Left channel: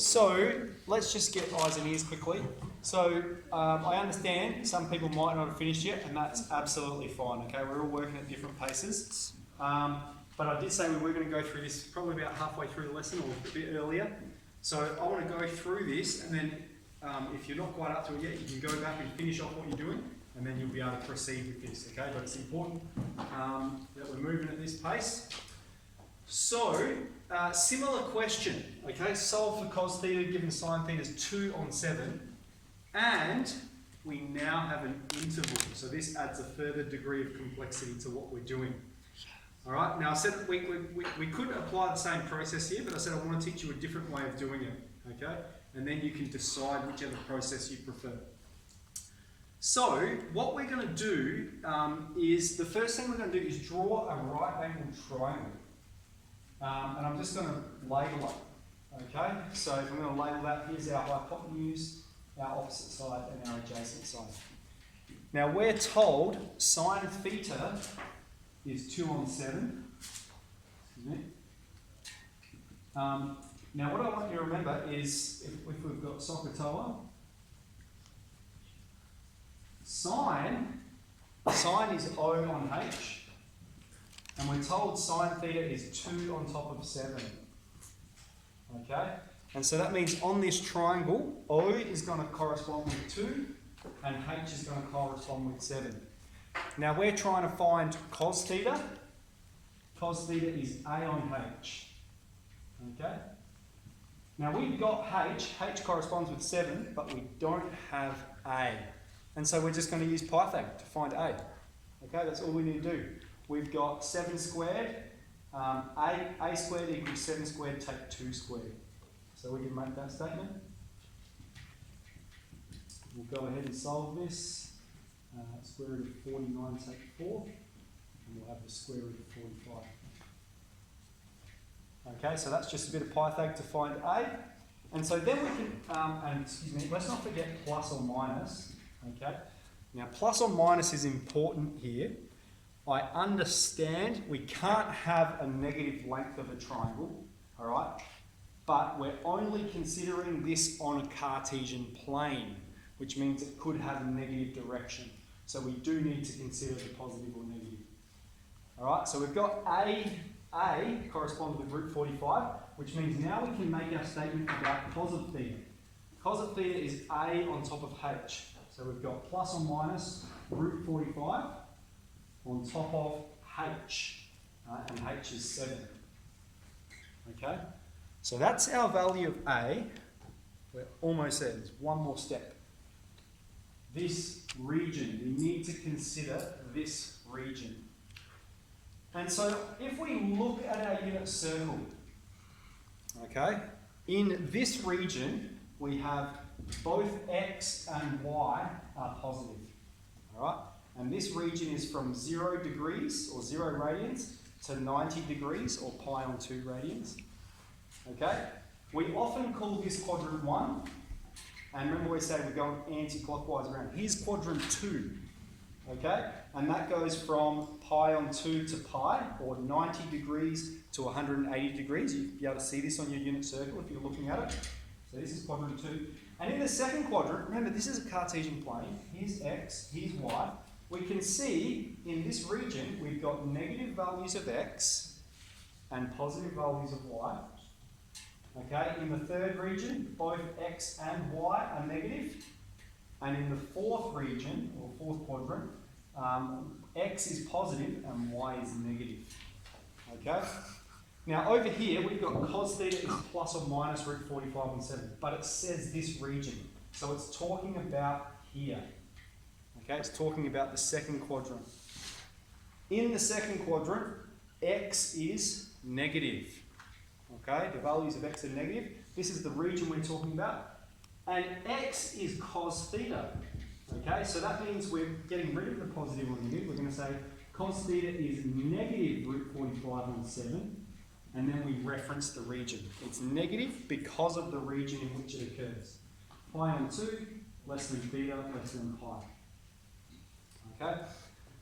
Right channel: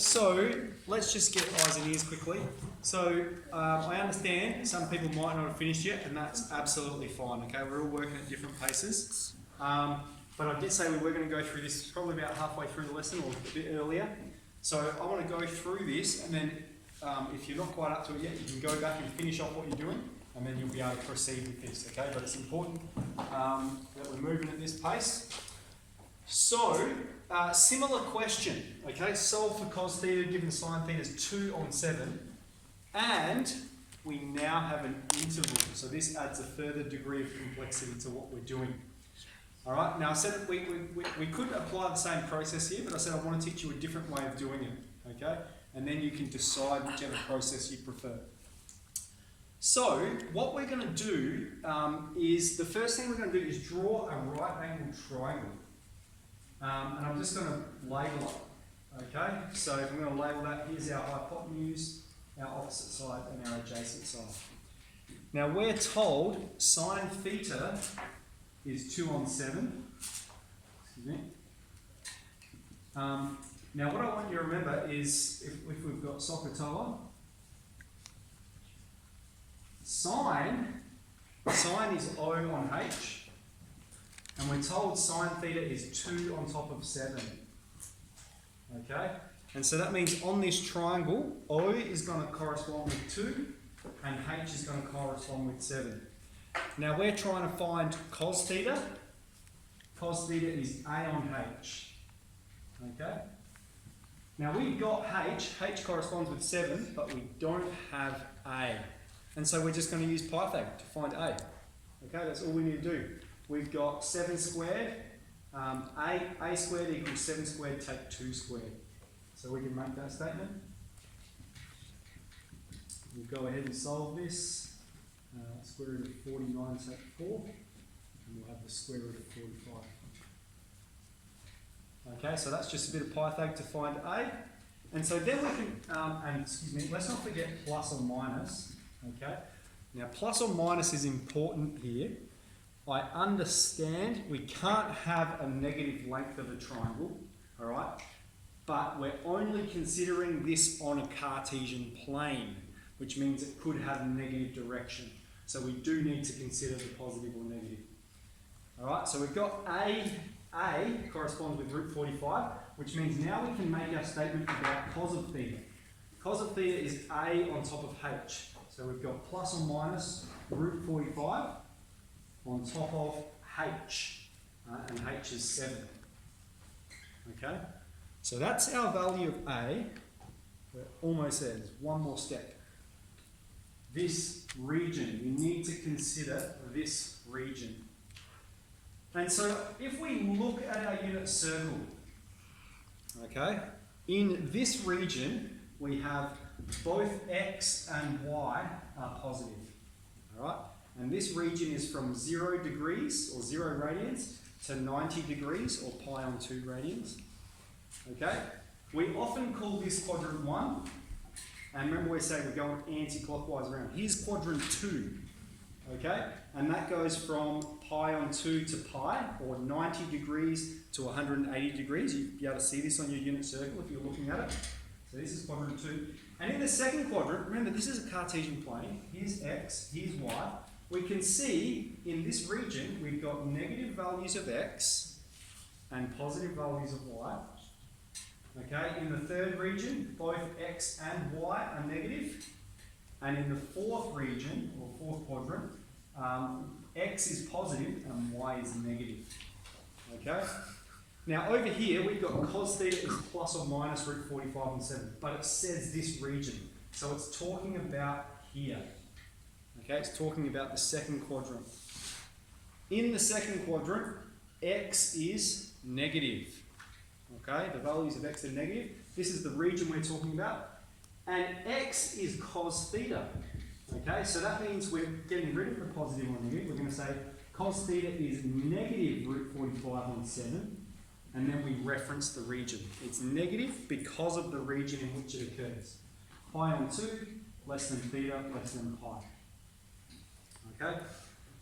So let's just get eyes and ears quickly. So I understand some people might not have finished yet, and that's absolutely fine. Okay, we're all working at different paces. But I did say we were going to go through this probably about halfway through the lesson or a bit earlier. So I want to go through this, and then if you're not quite up to it yet, you can go back and finish off what you're doing, and then you'll be able to proceed with this. Okay, but it's important that we're moving at this pace. So, similar question, okay, solve for cos theta given sine theta is 2 on 7, and we now have an interval, so this adds a further degree of complexity to what we're doing. Alright, now I said that we could apply the same process here, but I said I want to teach you a different way of doing it, okay, and then you can decide whichever process you prefer. So, what we're going to do is, the first thing we're going to do is draw a right angled triangle. And I'm just going to label it, okay? So if I'm going to label that, here's our hypotenuse, our opposite side, and our adjacent side. Now we're told sine theta is 2 on 7. Excuse me. Now what I want you to remember is, if we've got SOHCAHTOA, sine is O on H. And we're told sine theta is 2 on top of 7. Okay? And so that means on this triangle, O is going to correspond with 2, and H is going to correspond with 7. Now we're trying to find cos theta. Cos theta is A on H. Okay? Now we've got H. H corresponds with 7, but we don't have A. And so we're just going to use Pythag to find A. Okay? That's all we need to do. We've got 7 squared, a squared equals 7 squared, take 2 squared. So we can make that statement. We'll go ahead and solve this. Square root of 49 take 4, and we'll have the square root of 45. Okay, so that's just a bit of Pythag to find A. And so then we can, and excuse me, let's not forget plus or minus. Okay, now plus or minus is important here. I understand we can't have a negative length of a triangle, all right? But we're only considering this on a Cartesian plane, which means it could have a negative direction. So we do need to consider the positive or negative. All right, so we've got A corresponds with root 45, which means now we can make our statement about cos of theta. Cos of theta is A on top of H. So we've got plus or minus root 45. On top of H, and H is 7. Okay, so that's our value of A. We're almost there. There's one more step. This region, we need to consider this region. And so if we look at our unit circle, okay, in this region we have both X and Y are positive. All right. And this region is from 0 degrees, or 0 radians, to 90 degrees, or pi on 2 radians. Okay? We often call this quadrant 1. And remember we're saying we're going anti-clockwise around. Here's quadrant 2. Okay? And that goes from pi on 2 to pi, or 90 degrees to 180 degrees. You'll be able to see this on your unit circle if you're looking at it. So this is quadrant 2. And in the second quadrant, remember this is a Cartesian plane. Here's X, here's Y. We can see in this region we've got negative values of X and positive values of Y. Okay, in the third region, both X and Y are negative. And in the fourth region, or fourth quadrant, X is positive and Y is negative. Okay? Now over here we've got cos theta is plus or minus root 45 on 7, but it says this region. So it's talking about here. Okay, it's talking about the second quadrant. In the second quadrant, X is negative. Okay, the values of X are negative. This is the region we're talking about. And X is cos theta. Okay, so that means we're getting rid of the positive or negative. We're going to say cos theta is negative root 45 on 7. And then we reference the region. It's negative because of the region in which it occurs. Pi on 2, less than theta, less than pi. Okay,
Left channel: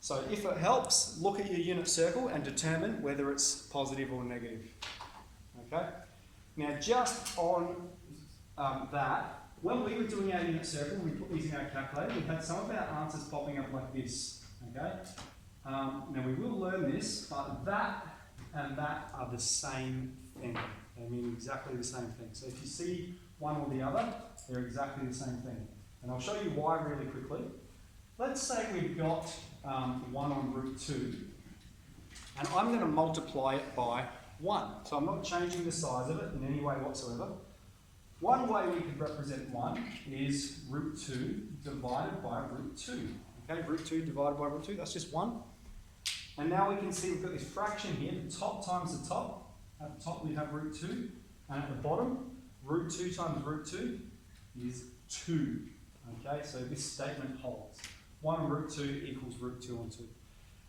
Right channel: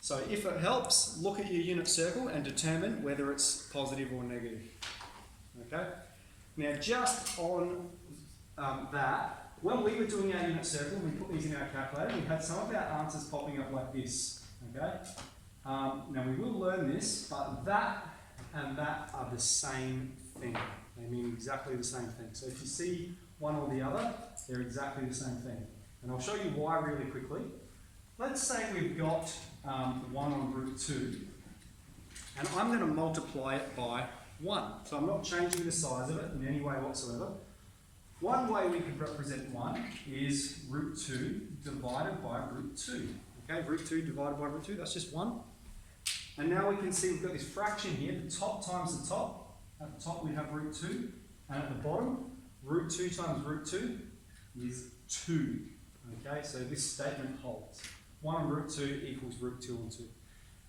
so if it helps, look at your unit circle and determine whether it's positive or negative. Okay, now just on that when we were doing our unit circle and we put these in our calculator, we had some of our answers popping up like this, okay? Now we will learn this, but that and that are the same thing. They mean exactly the same thing. So if you see one or the other, they're exactly the same thing. And I'll show you why really quickly. Let's say we've got 1 on root 2, and I'm going to multiply it by 1. So I'm not changing the size of it in any way whatsoever. One way we could represent 1 is root 2 divided by root 2. Okay, root 2 divided by root 2, that's just 1. And now we can see we've got this fraction here, the top times the top. At the top we have root 2, and at the bottom, root 2 times root 2 is 2. Okay, so this statement holds. 1 on root 2 equals root 2 on 2.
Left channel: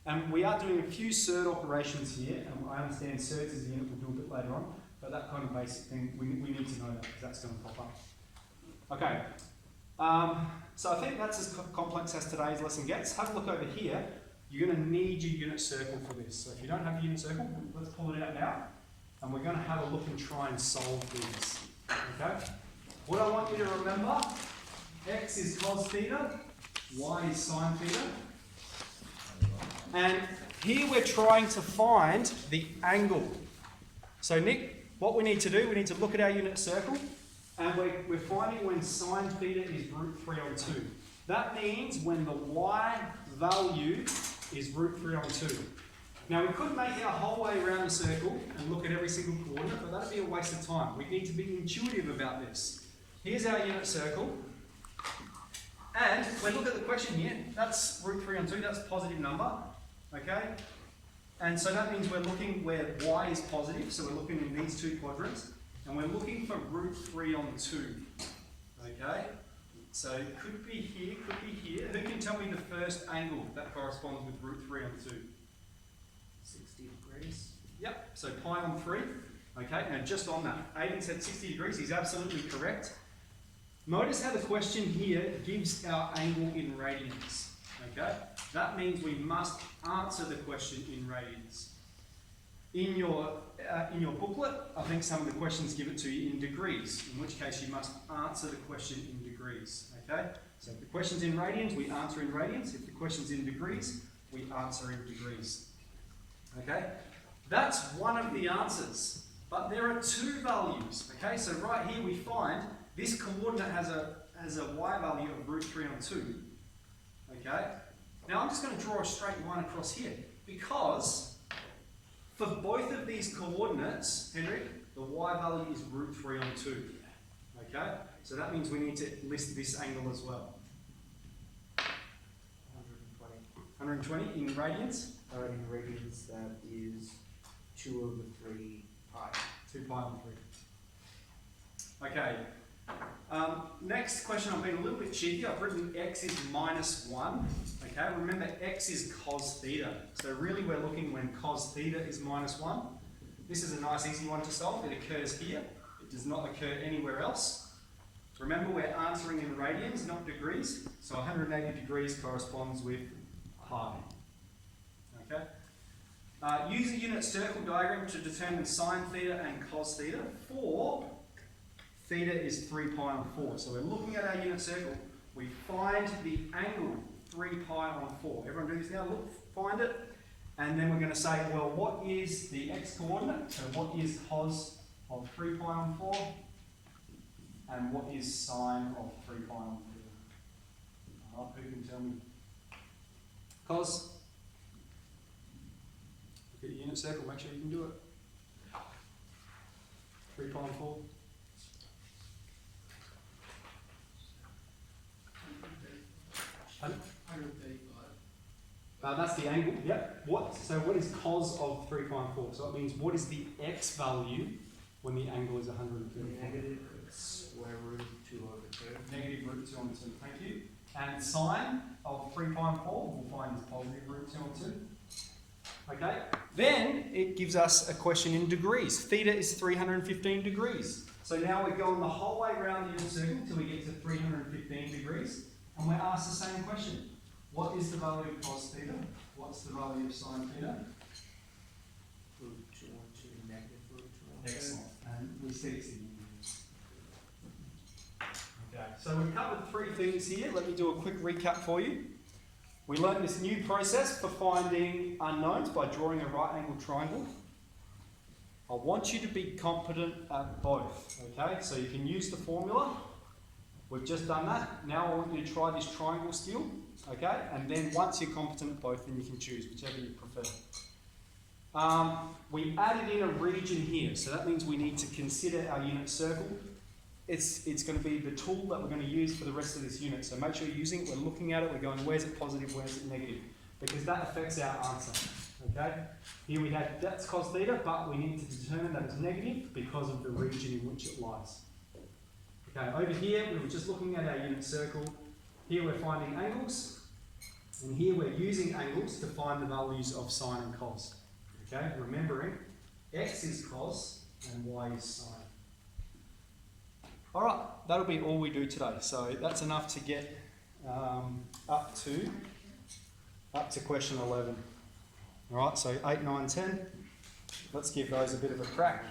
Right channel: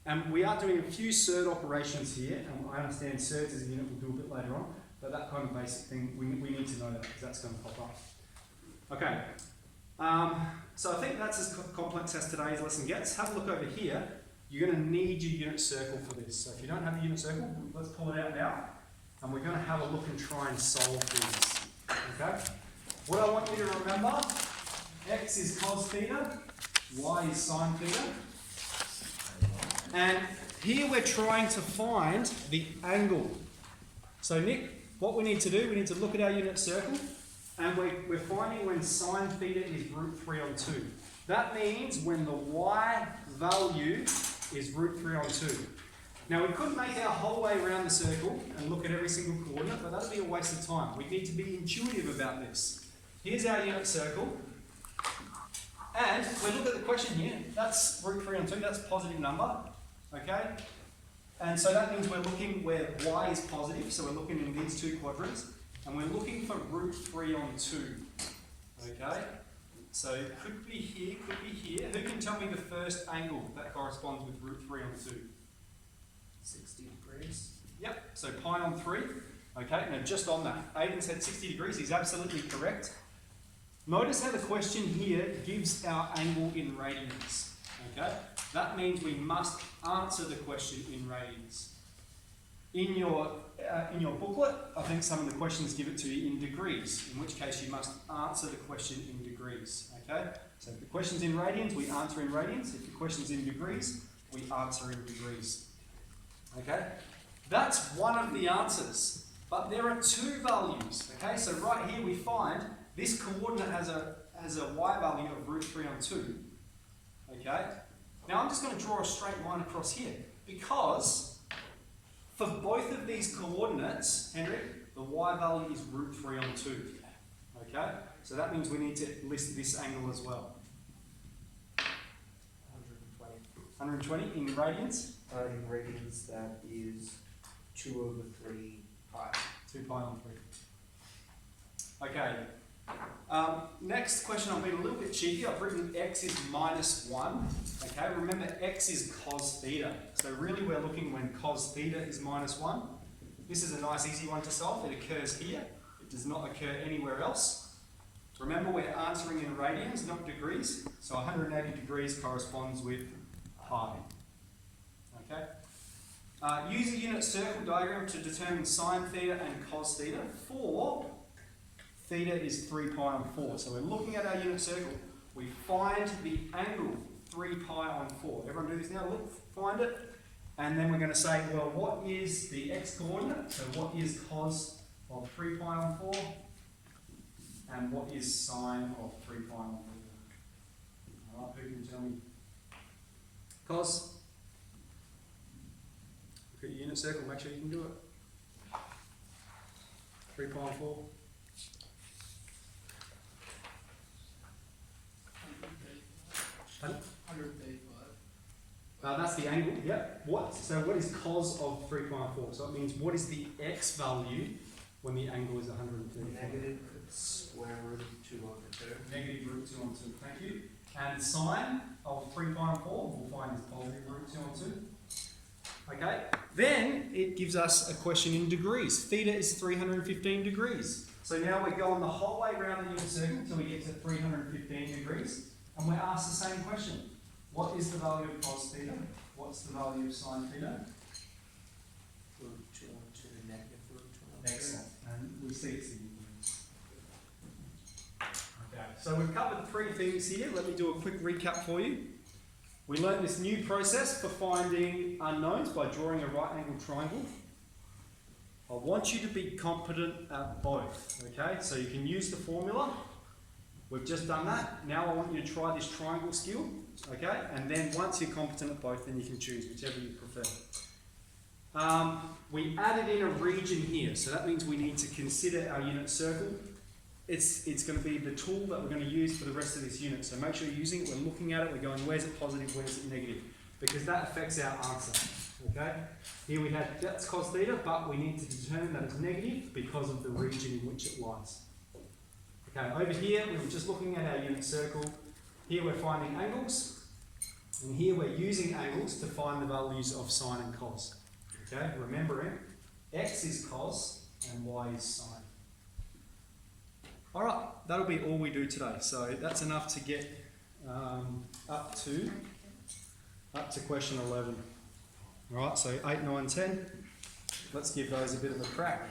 And we are doing a few surd operations here, and I understand surds as a unit we'll do a bit later on, but that kind of basic thing, we need to know that because that's going to pop up. Okay, so I think that's as complex as today's lesson gets. Have a look over here. You're going to need your unit circle for this. So if you don't have a unit circle, let's pull it out now. And we're going to have a look and try and solve these. Okay? What I want you to remember, x is cos theta, y is sine theta. And here we're trying to find the angle. So Nick, what we need to do, we need to look at our unit circle, and we're finding when sine theta is root 3 on 2. That means when the y value is root 3 on 2. Now we could make our whole way around the circle and look at every single coordinate, but that'd be a waste of time. We need to be intuitive about this. Here's our unit circle. And when we look at the question here, that's root 3 on 2, that's a positive number. Okay? And so that means we're looking where y is positive, so we're looking in these two quadrants, and we're looking for root 3 on 2. Okay? So it could be here, could be here. Who can tell me the first angle that corresponds with root 3 on 2? 60 degrees. Yep, so pi on 3. Okay, now just on that, Aidan said 60 degrees, he's absolutely correct. Notice how the question here gives our angle in radians. Okay, that means we must answer the question in radians. In your booklet, I think some of the questions give it to you in degrees, in which case you must answer the question in degrees. Okay, so if the question's in radians, we answer in radians. If the question's in degrees, we answer in degrees. Okay, that's one of the answers, but there are two values. Okay, so right here we find this coordinate has a y value of root 3 on 2. Okay, now I'm just going to draw a straight line across here because for both of these coordinates, Henrik, the y value is root 3 on 2. Okay, so that means we need to list this angle as well. 120 in radians? In radians, that is 2 over 3 pi. 2 pi on 3. Okay. Next question, I'm being a little bit cheeky. I've written x is minus 1. Okay, remember x is cos theta. So really we're looking when cos theta is minus 1. This is a nice easy one to solve. It occurs here. It does not occur anywhere else. Remember we're answering in radians, not degrees. So 180 degrees corresponds with pi. Okay. Use a unit circle diagram to determine sine theta and cos theta. For theta is 3 pi on 4. So we're looking at our unit circle. We find the angle 3 pi on 4. Everyone do this now. Look, find it. And then we're going to say, well, what is the x coordinate? So what is cos of 3 pi on 4? And what is sine of 3 pi on 4? Alright, who can tell me? Cos. Look at your unit circle, make sure you can do it. 3 pi on 4. 135. That's the angle, yep. So what is cos of 3 pi on 4? So it means what is the x value when the angle is 135? Negative square root of 2 over 2. Negative root 2 on 2, thank you. And sine of 3 pi on 4, we'll find is positive root 2 on 2. Okay, then it gives us a question in degrees. Theta is 315 degrees. So now we're going the whole way around the unit circle until we get to 315 degrees. And we're asked the same question. What is the value of cos theta? What's the value of sine theta? Root 2 on 2, negative root 2 on 2. Excellent. And we see it's in degrees. so we've covered 3 things here. Let me do a quick recap for you. We learned this new process for finding unknowns by drawing a right angled triangle. I want you to be competent at both, okay? So you can use the formula. We've just done that. Now I want you to try this triangle skill, okay? And then once you're competent at both, then you can choose whichever you prefer. We added in a region here, so that means we need to consider our unit circle. It's going to be the tool that we're going to use for the rest of this unit. So make sure you're using it, we're looking at it, we're going, where's it positive, where's it negative? Because that affects our answer, okay? Here we have, that's cos theta, but we need to determine that it's negative because of the region in which it lies. Okay, over here, we were just looking at our unit circle. Here we're finding angles, and here we're using angles to find the values of sine and cos. Okay, remembering, x is cos and y is sine. All right, that'll be all we do today. So that's enough to get up to question 11. All right, so 8, 9, 10. Let's give those a bit of a crack.